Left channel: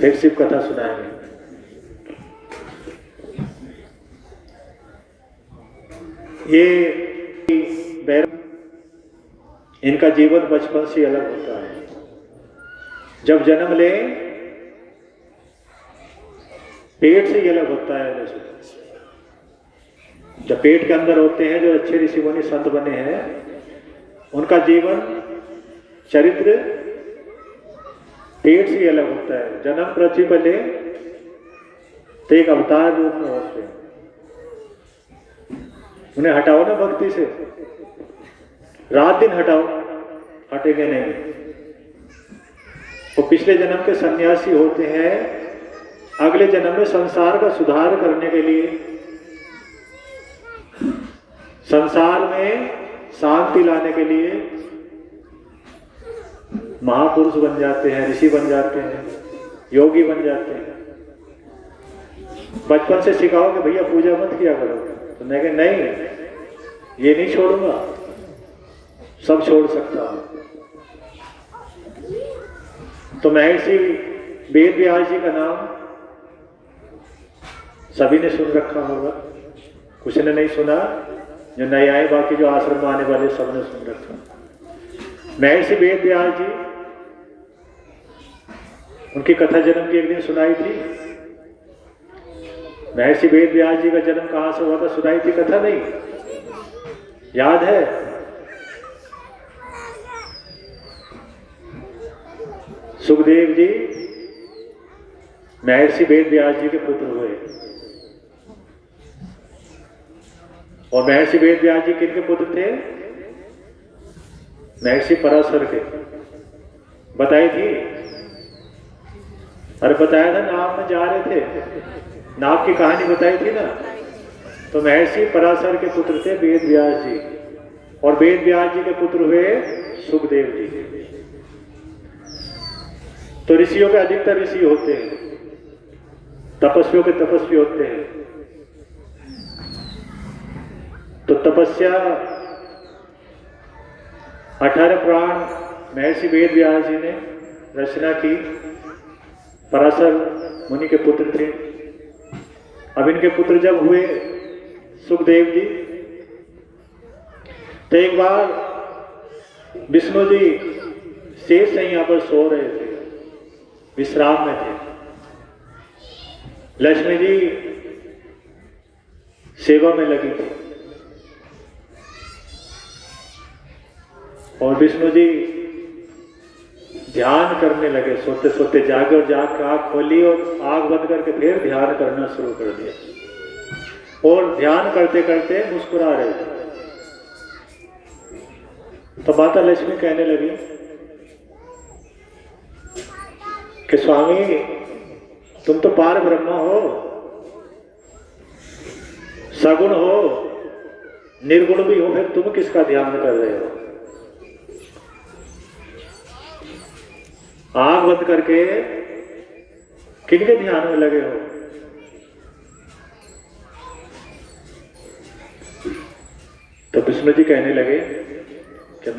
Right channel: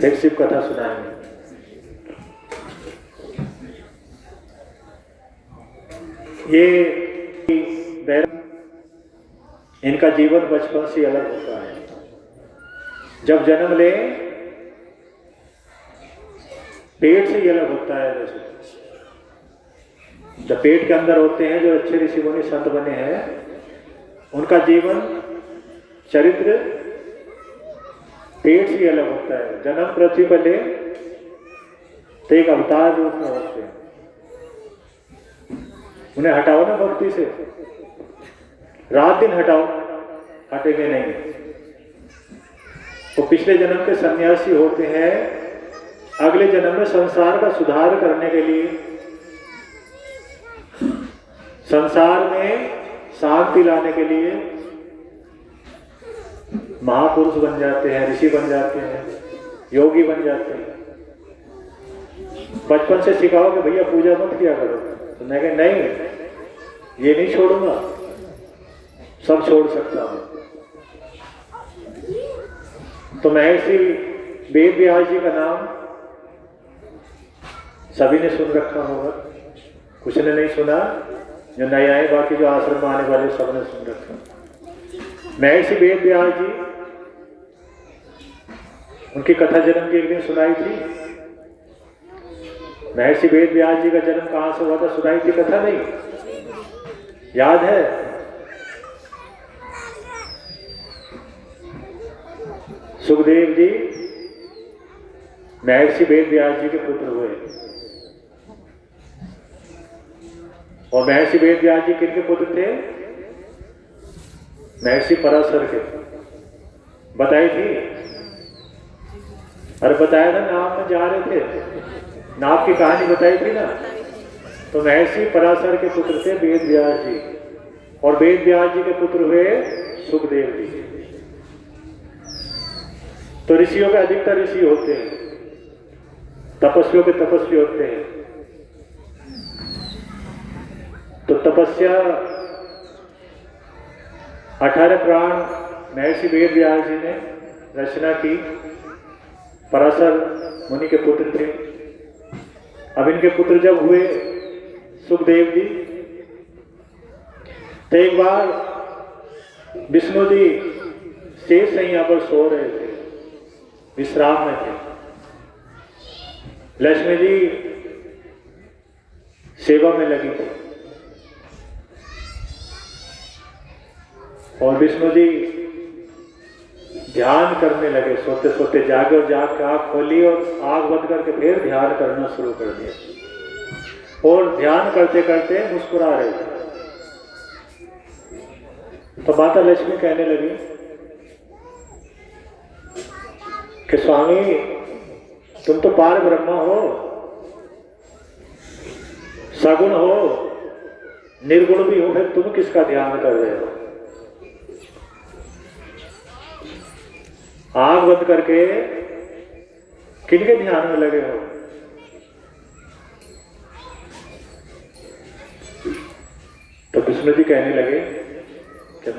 फिर शिव कथा सुनाएंगे। ये इनका जीवन बचपन से अलग होता है। जब जन्म ले पेट से ही अलग होता है। वैसे जब पेट के अंदर होते हैं, जो अच्छे ऋषि मुनि संत बने हैं, उनका जीवन चरित्र पेट से ही अलग होता है। जन्म पृथ्वी पर ले तो एक अवतार रूप में होते हैं। उन्हें हटाओ ना भक्ति से, रात दिन हटाओ, हटेंगे नहीं। तो पिछले जन्म के सन्यासी होते हैं, अगले जन्म में संसार का सुधार करने के लिए, संसार में शांति लाने के लिए महापुरुष बन जाते हैं, ऋषि बन जाते हैं, योगी बन जाते हैं। बचपन से सिखाओ कि भैया पूजा मत किया करो, तो मैं कहे नहीं, ये नहीं छोड़ूंगा, सब छोड़ सकता हूं। तो महर्षि वेद व्यास जी का नाम सभी ने सुन रखा होगा, कुछ ने नहीं सुना, जो नए आए, बाकी जो आश्रम में आने वाले सबने सुन रखा। महर्षि वेद व्यास जी, उनकी कथा जन्म की एक दिन सुनाई थी। महर्षि वेद व्यास जी का जन्म कहां से हुआ था, सुनाई थी कथा नहीं? याद है? सुखदेव जी महर्षि वेद व्यास जी के पुत्र हुए। और महर्षि वेद व्यास जी किनके पुत्र थे? महर्षि पराशर के। बताई थी? अरे बताया था, नाव में जा रहे थे, नाव की कहानी बताई थी ना। तो महर्षि पराशर के पुत्र थे वेद व्यास जी, और वेद व्यास जी के पुत्र हुए सुखदेव जी। तो ऋषियों के अधिकतर ऋषि होते हैं, तपस्वियों के तपस्वी होते हैं। तो तपस्या 18 पुराण महर्षि वेद व्यास जी ने रचना की। पराशर मुनि के पुत्र थे। अब इनके पुत्र जब हुए सुखदेव जी, तो एक बार विष्णु जी शेष यहाँ पर सो रहे थे, विश्राम में थे। लक्ष्मी जी सेवा में लगी थी, और विष्णु जी ध्यान करने लगे। सोते सोते जागे, और जाग के आंख खोली और आंख बंद करके फिर ध्यान करना शुरू कर दिया। और ध्यान करते करते मुस्कुरा रहे थे। तो माता लक्ष्मी कहने लगी कि स्वामी, तुम तो पार ब्रह्म हो, सगुण हो, निर्गुण भी हो, फिर तुम किसका ध्यान कर रहे हो? आंख बंद करके किनके ध्यान में लगे हो? तो विष्णु जी कहने लगे कि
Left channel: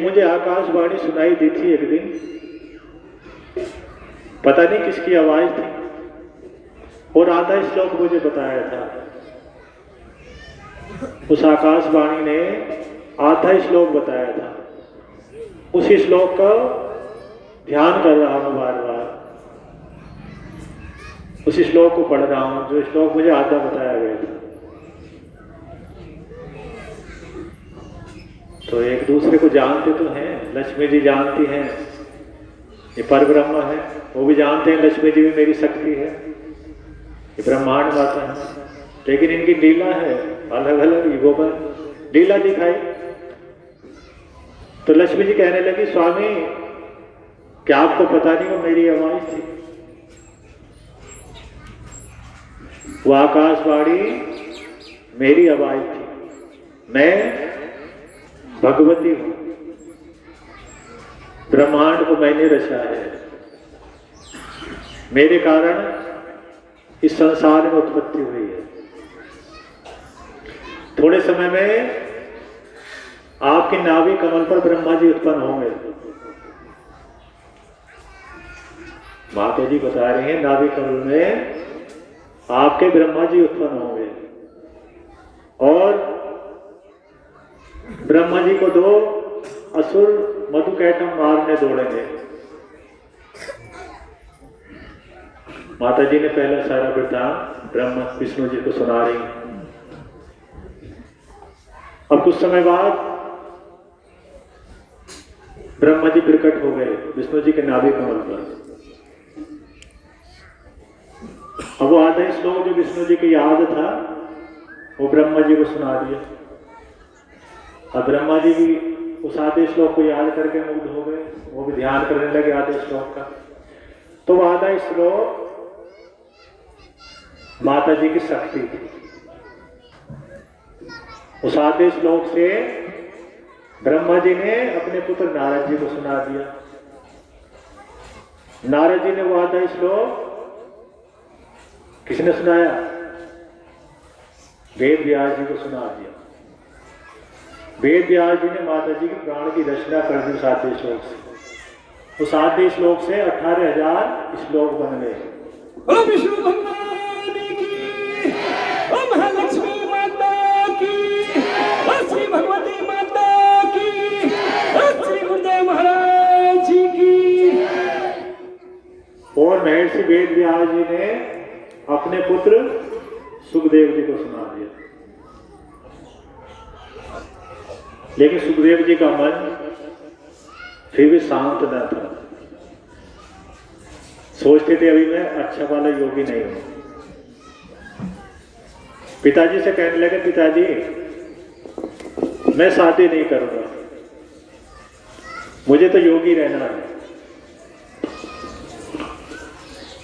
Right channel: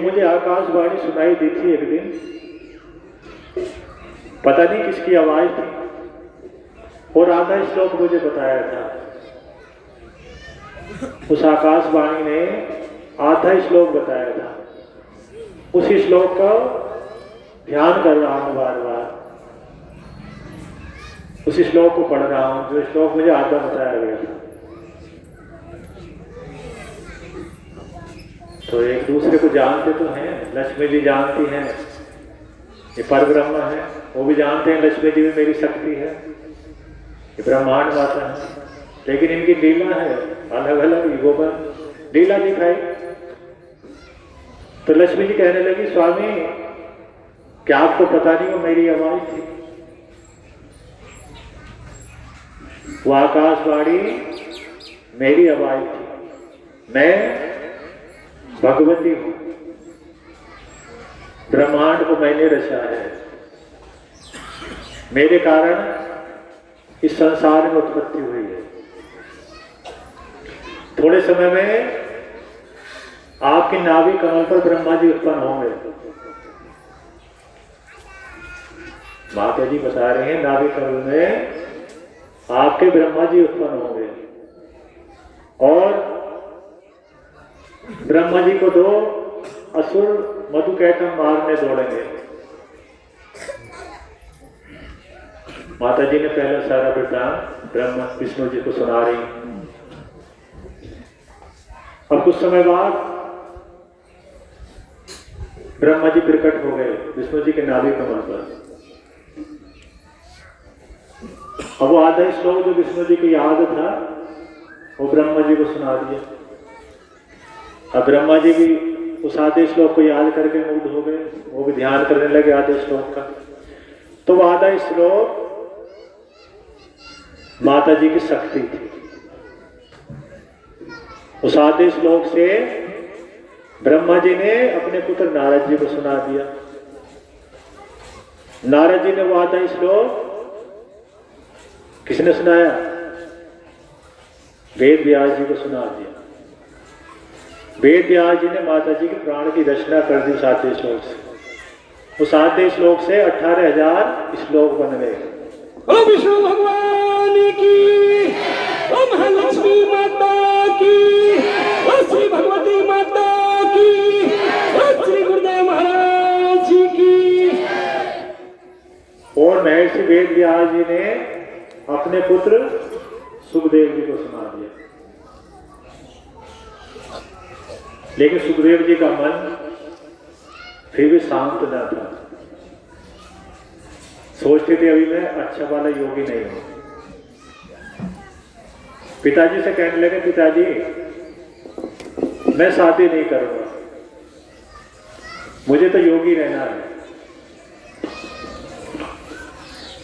मुझे आकाशवाणी सुनाई दी थी एक दिन, पता नहीं किसकी आवाज थी, और आधा श्लोक मुझे बताया था। उस आकाशवाणी ने आधा श्लोक बताया था। उसी श्लोक का ध्यान कर रहा हूं, बार बार उसी श्लोक को पढ़ रहा हूं, जो श्लोक मुझे आधा बताया गया था। तो एक दूसरे को जानते तो हैं, लक्ष्मी जी जानती हैं ये परब्रह्म है, वो भी जानते हैं लक्ष्मी जी में मेरी शक्ति है, ये ब्रह्मांड माता है। लेकिन इनकी लीला है, अलग अलग युगों पर लीला दिखाई। तो लक्ष्मी जी कहने लगी, स्वामी क्या आपको पता नहीं वो मेरी आवाज थी? वो आकाशवाणी मेरी आवाज थी। मैं भगवती हूं, ब्रह्मांड को मैंने रचा है, मेरे कारण इस संसार में उत्पत्ति हुई है। थोड़े समय में आपके नाभि कमल पर ब्रह्मा जी उत्पन्न होंगे, माता जी बता रहे हैं नाभि कमल में आपके ब्रह्मा जी उत्पन्न होंगे और ब्रह्मा जी को 2 असुर मधुकैटभ मारने दौड़ेंगे। माता जी ने पहला सारा वृत्तांत ब्रह्मा विष्णु जी को सुना रही। अब कुछ समय बाद ब्रह्मा जी प्रकट हो गए विष्णु जी के नाभि कमल पर। अब वो आधा श्लोक जो विष्णु जी की याद था वो ब्रह्मा जी को सुना दिया। अब ब्रह्मा जी भी उस आधे श्लोक को याद करके मुग्ध हो गए, वो भी ध्यान करने लगे आधे श्लोक का। तो वो आधा श्लोक माता जी की शक्ति थी। उस आधे श्लोक से ब्रह्मा जी ने अपने पुत्र नारद जी को सुना दिया। नारद जी ने वो आधा श्लोक किसने सुनाया? वेद व्यास जी को सुना दिया। वेद व्यास जी ने माता जी के प्राण की रचना कर दी उस आधे श्लोक से। उस आधे श्लोक से 18,000 श्लोक बन गए। ओम विष्णु भगवान की, ओम महालक्ष्मी माता की, ओम श्री भगवती माता की, ओम श्री गुरुदेव महाराज जी की। और महर्षि वेद व्यास जी ने अपने पुत्र सुखदेव जी को सुना दिया। लेकिन सुखदेव जी का मन फिर भी शांत न था। सोचते थे अभी मैं अच्छा वाला योगी नहीं हूं। पिताजी से कहने लगे पिताजी मैं शादी नहीं करूंगा, मुझे तो योगी रहना है।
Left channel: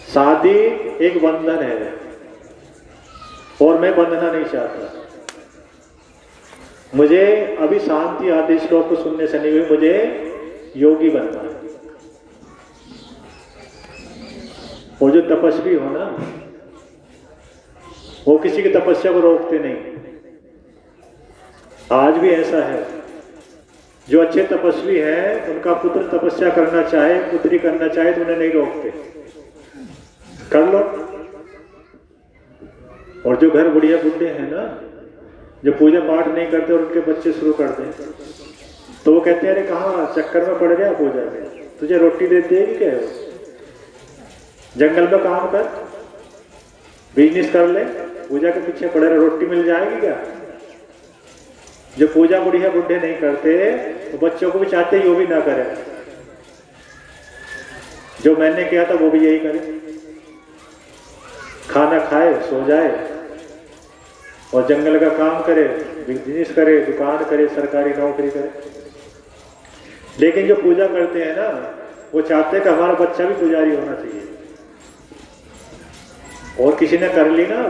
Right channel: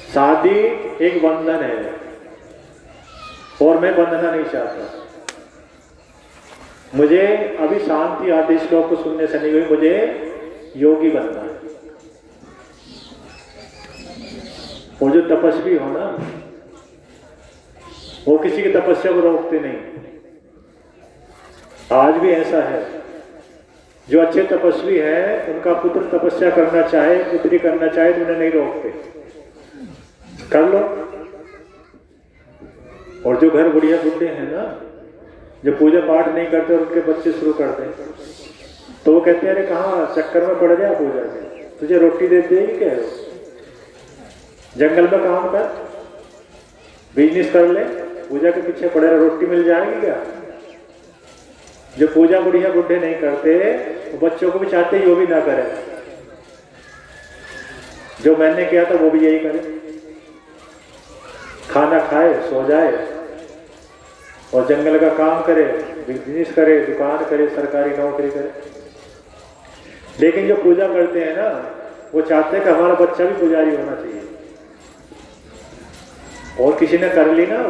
शादी एक बंधन है और मैं बंधना नहीं चाहता। मुझे अभी शांति आदि श्लोक को सुनने से नहीं हुई, मुझे योगी बनना है। वो जो तपस्वी हो ना वो किसी की तपस्या को रोकते नहीं। आज भी ऐसा है, जो अच्छे तपस्वी है उनका पुत्र तपस्या करना चाहे, पुत्री करना चाहे तो उन्हें नहीं रोकते, कर लो। और जो घर बुढ़िया बुढ़े हैं ना, जो पूजा पाठ नहीं करते और उनके बच्चे शुरू कर दें तो वो कहते हैं अरे कहाँ चक्कर में पड़ गया पूजा में, तुझे रोटी दे देगी क्या? जंगल में काम कर, बिजनेस कर ले, पूजा के पीछे पड़े रहे, रोटी मिल जाएगी क्या? जो पूजा बुढ़िया बुढ़े नहीं करते वो बच्चों को भी चाहते ही वो भी ना करें। जो मैंने किया था वो भी यही करे, खाना खाए सो जाए और जंगल का काम करे, बिजनेस करे, दुकान करे, सरकारी नौकरी करे। लेकिन जो पूजा करते हैं ना वो चाहते हैं कि हमारा बच्चा भी पुजारी होना चाहिए। और किसी ने कर ली ना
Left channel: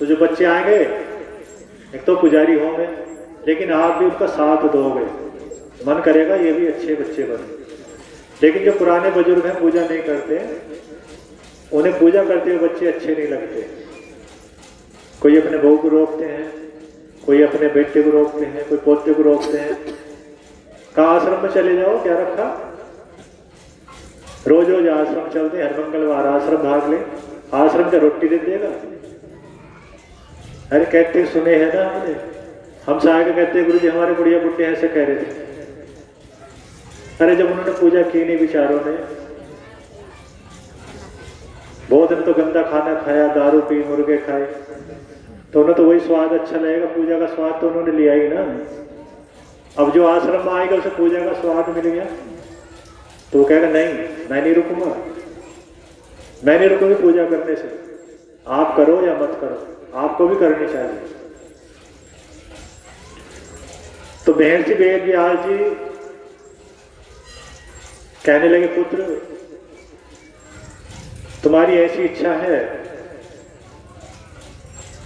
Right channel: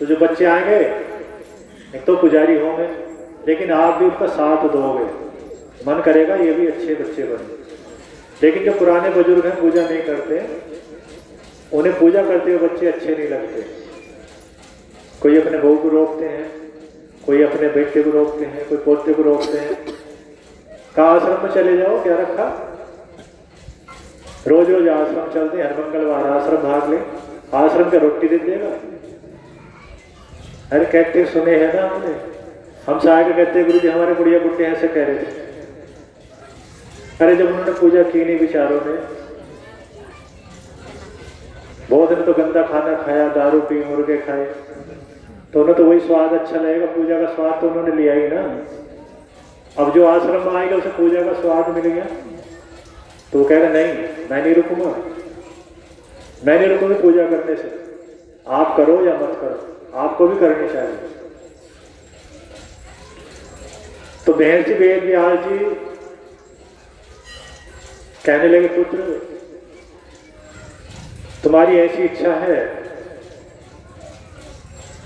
तो जो बच्चे आएंगे एक तो पुजारी होंगे, लेकिन आप भी उसका साथ दोगे, मन करेगा ये भी अच्छे बच्चे बने। लेकिन जो पुराने बुजुर्ग हैं पूजा नहीं करते, उन्हें पूजा करते हुए बच्चे अच्छे नहीं लगते। कोई अपने बहू को रोकते हैं, कोई अपने बेटे को रोकते हैं, कोई पोते को रोकते हैं। कहा आश्रम में चले जाओ, क्या रखा? रोज रोज आश्रम चलते, हर मंगलवार आश्रम भाग ले, आश्रम का रोटी दे देगा। अरे कहते सुने हैं ना हमने, हम से आगे कहते गुरु जी हमारे बुढ़िया बुढ़े ऐसे कह रहे थे। अरे जब उन्होंने पूजा की नहीं बेचारों ने, बहुत दिन तो गंदा खाना खाया, दारू पी, मुर्गे खाए, तो उन्हें तो वही स्वाद अच्छा लगेगा, पूजा का स्वाद तो उन्होंने लिया ही ना। अब जो आश्रम में आएगा उसे पूजा का स्वाद मिल गया तो वो कहेगा नहीं मैं नहीं रुकूंगा, मैं नहीं रुकूंगी पूजा करने से। आप करो या मत करो, आपको भी करनी चाहिए। तो महर्षि वेद व्यास जी कहने लगे पुत्र तुम्हारी ऐसी इच्छा है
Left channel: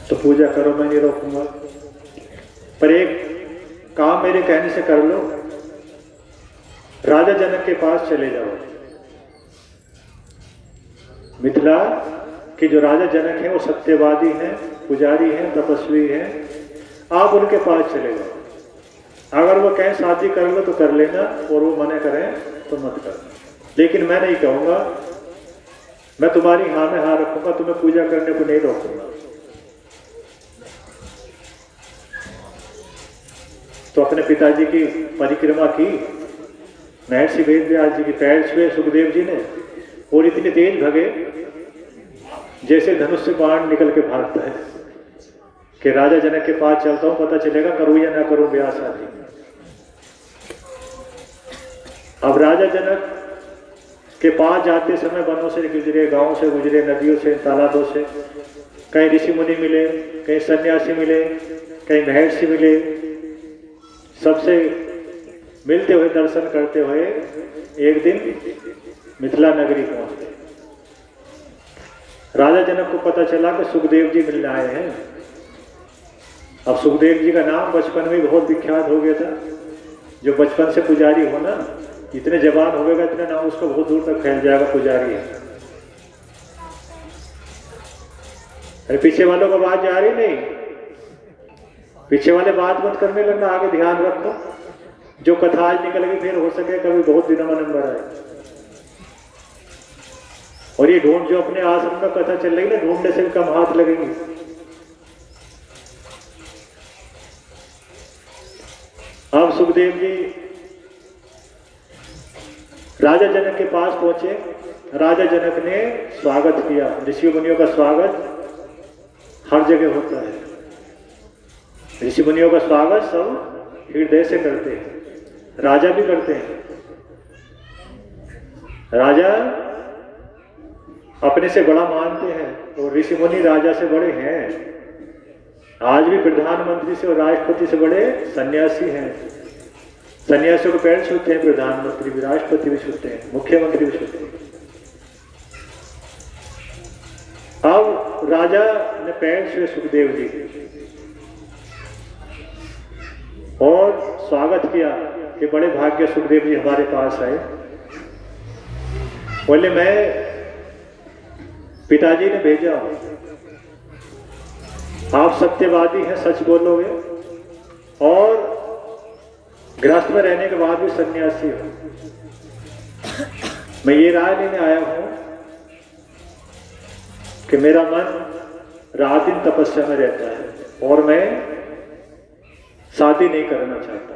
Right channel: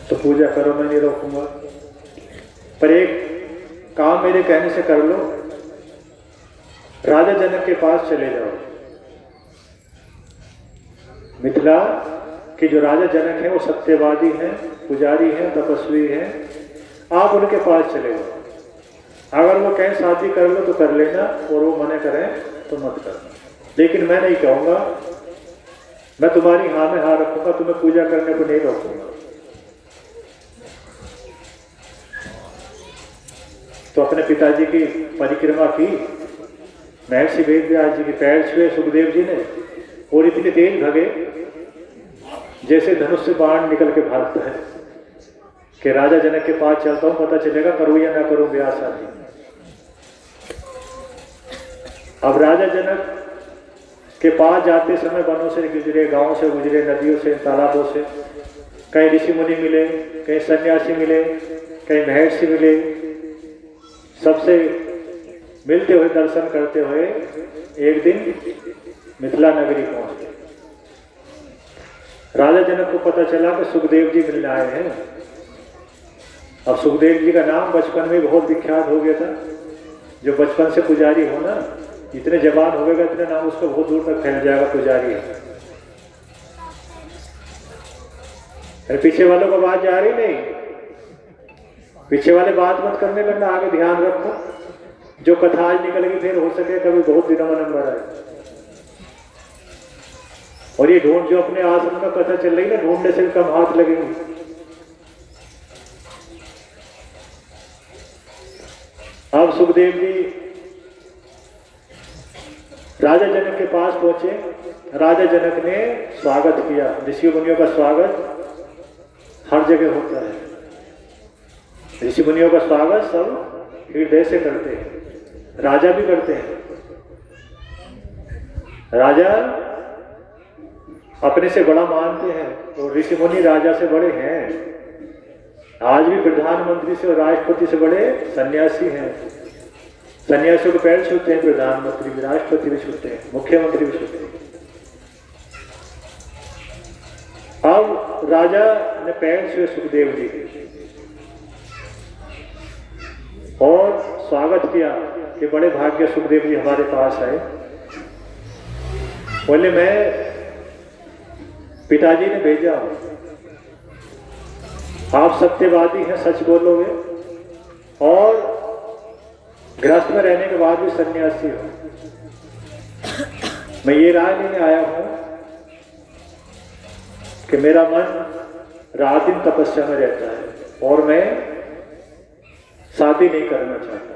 तो पूजा करो, मैं नहीं रोकूंगा, पर एक काम मेरे कहने से कर लो, राजा जनक के पास चले जाओ। मिथिला के जो राजा जनक हैं वो सत्यवादी हैं, पुजारी हैं, तपस्वी हैं, आप उनके पास चले जाओ। अगर वो कहें शादी कर लो तो कर लेना और वो मना करें तो मत करना, लेकिन मैं नहीं कहूंगा मैं तुम्हारी हाँ में हाँ रखूंगा, तुम्हें पूजा करने को नहीं रोकूंगा। तो अपने पिताजी की परिक्रमा की, महर्षि वेदव्यास जी की पैर छुए सुखदेव जी ने, और इतनी तेज भगे जैसे धनुष से बाण निकल के भागता है कि राजा जनक के पास चलता हूं, पता चलेगा करूं या ना करूं ब्याह शादी। अब राजा जनक के पास जाते समय वनों से गुजरे, गांव से गुजरे, नदियों से, तालाबों से, कहीं ऋषि मुनि मिले, कहीं सन्यासी मिले, कहीं महर्षि मिले, सबसे मिलते हुए दर्शन करते हुए एक दिन मिथिला नगरी पहुंच गए। राजा जनक को पता चला कि सुखदेव जी मिलने आए हैं। अब सुखदेव जी का नाम बचपन में बहुत विख्यात हो गया था। जो बचपन से पुजारी हो ना, इतने जवान हो गएगा, इतने नाम उसका बहुत दूर तक फैल जाएगा, पुजारी है। अरे पीछे वालों को बात जा रही नहीं, पीछे वाले बात मत करने लगना, आगे ध्यान रखो। जो कथा आज निकल गई फिर हो सके कभी बहुत दिनों में नंबर आए। और ये ढूंढ जो अपने आश्रम का कथा चल रही ना, ढूंढने से कम हाथ लगेंगे। अब सुखदेव जी राजा जनक के पास पहुंचे। राजा जनक ने स्वागत किया। ऋषि मुनियों का स्वागत हर जगह होता है। ऋषि मुनियों का स्वागत सब हृदय से करते हैं, राजा भी करते हैं। राजा अपने से बड़ा मानते हैं, और ऋषि मुनि राजा से बड़े हैं। आज भी प्रधानमंत्री से और राष्ट्रपति से बड़े सन्यासी हैं। सन्यासियों को पैर छूते हैं प्रधानमंत्री भी, राष्ट्रपति भी छूते हैं, मुख्यमंत्री भी छूते हैं। अब राजा ने पैर छुए सुखदेव जी और स्वागत किया कि बड़े भाग्य सुखदेव जी हमारे पास आए। बोले मैं पिताजी ने भेजा, आप सत्यवादी हैं, सच बोलोगे, और गृहस्थ में रहने के बाद भी सन्यासी हो। मैं ये राय लेने आया हूं कि मेरा मन रात दिन तपस्या में रहता है और मैं शादी नहीं करना चाहता।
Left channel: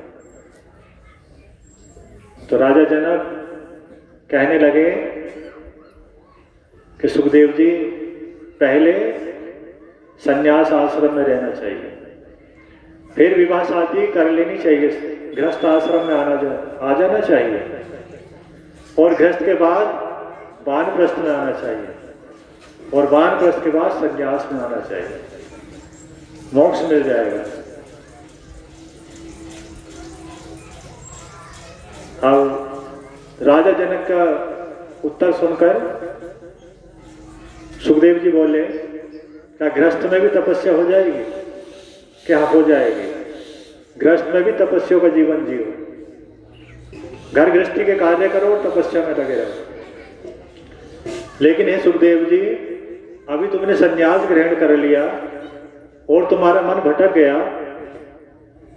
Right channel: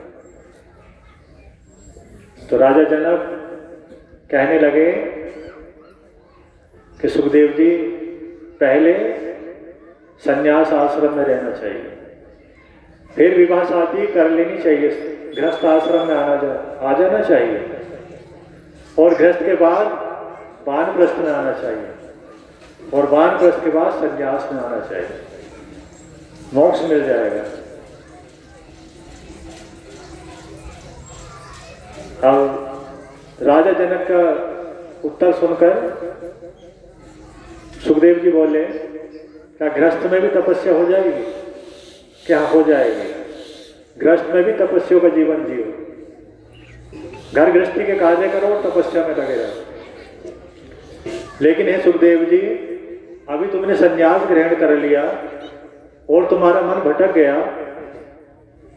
तो राजा जनक कहने लगे कि सुखदेव जी पहले सन्यास आश्रम में रहना चाहिए, फिर विवाह शादी कर लेनी चाहिए, गृहस्थ आश्रम में आ जाना चाहिए, और गृहस्थ के बाद वानप्रस्थ में आना चाहिए, और वानप्रस्थ के बाद सन्यास में आना चाहिए, मोक्ष मिल जाएगा। अब राजा जनक का उत्तर सुनकर सुखदेव जी बोले, क्या गृहस्थ में भी तपस्या हो जाएगी? क्या हो जाएगी? गृहस्थ में भी तपस्या का जीवन जियो, घर गृहस्थी के कार्य करो और तपस्या में लगे रहो। लेकिन हे सुखदेव जी, अभी तुमने संन्यास ग्रहण कर लिया और तुम्हारा मन भटक गया,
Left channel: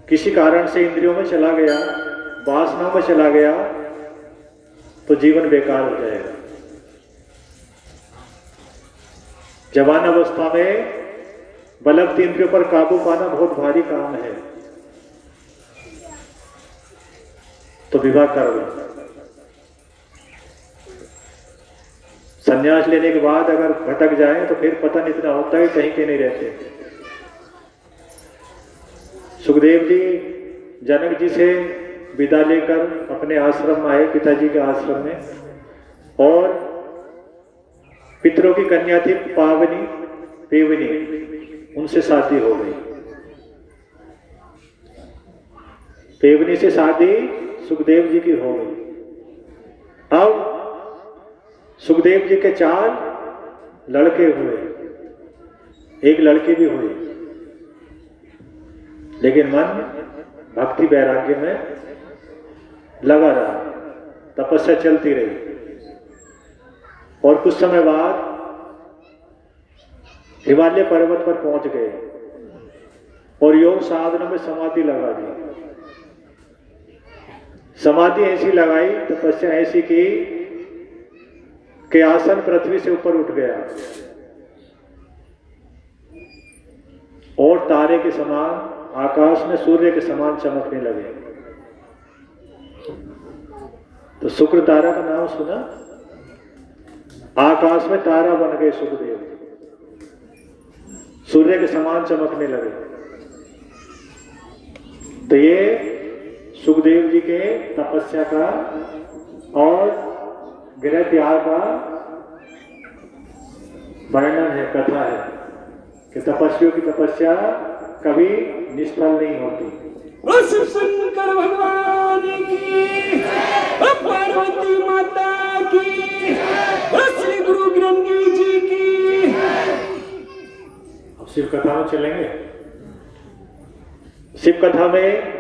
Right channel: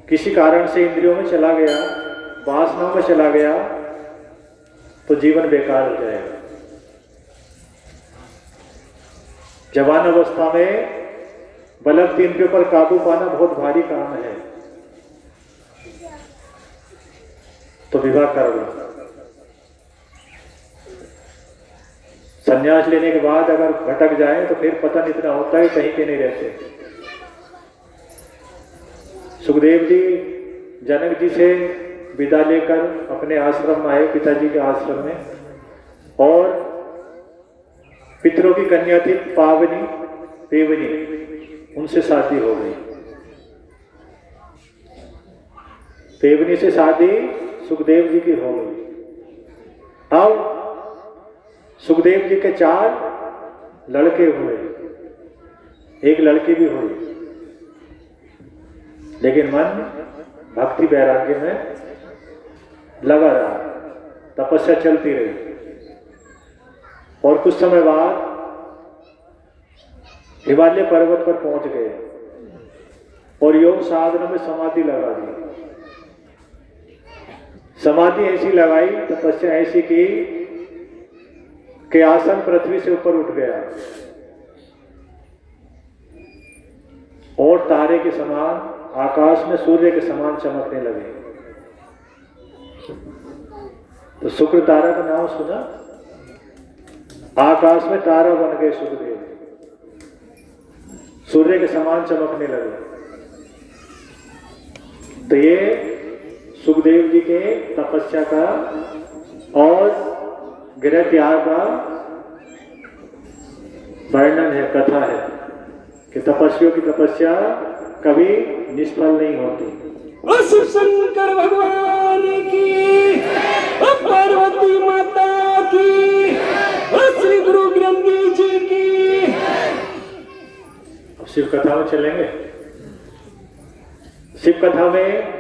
किसी कारण से इंद्रियों में चला गया, वासना में चला गया, तो जीवन बेकार हो जाएगा। जवान अवस्था में बलवती तीन के ऊपर काबू पाना बहुत भारी काम है, तो विवाह कर लो। संन्यास लेने के बाद अगर भटक जाए तो फिर पतन इतना होता है कहीं के नहीं रहते। सुखदेव जी जनक जी से विदा लेकर अपने आश्रम में आए, पिताजी के आश्रम में, और पितरों की कन्या थी पावनी पेवनी, उनसे शादी हो गई। पेवनी से शादी सुखदेव जी की हो गई। अब सुखदेव जी के 4 लड़के हुए, एक लड़की भी हुई, लेकिन मन भक्ति वैराग्य में लगा रहा, तपस्या चलती रही। और कुछ समय बाद हिमालय पर्वत पर पहुंच गए और योग साधना में समाधि लगा दी। समाधि ऐसी लगाई, तपस्या ऐसी की के आसन पृथ्वी से ऊपर उठ गया और तारे के समान आकाश में सूर्य के समान चमकने लगे। तो शुक्र तारा का नाम सुना? आकाश में तारा बन गए सुखदेव, सूर्य के समान चमकने लगे। तो ये सुखदेव जी के तपस्या का और गृह त्याग का वर्णन है, कथा है कि तपस्वियों की तपस्या कभी निष्फल नहीं होती। ओ शिव शंकर भगवान की, ओ पार्वती माता की, ओ श्री गुरु ग्रंथ जी की। अब शिव कथा में चलेंगे। शिव कथा में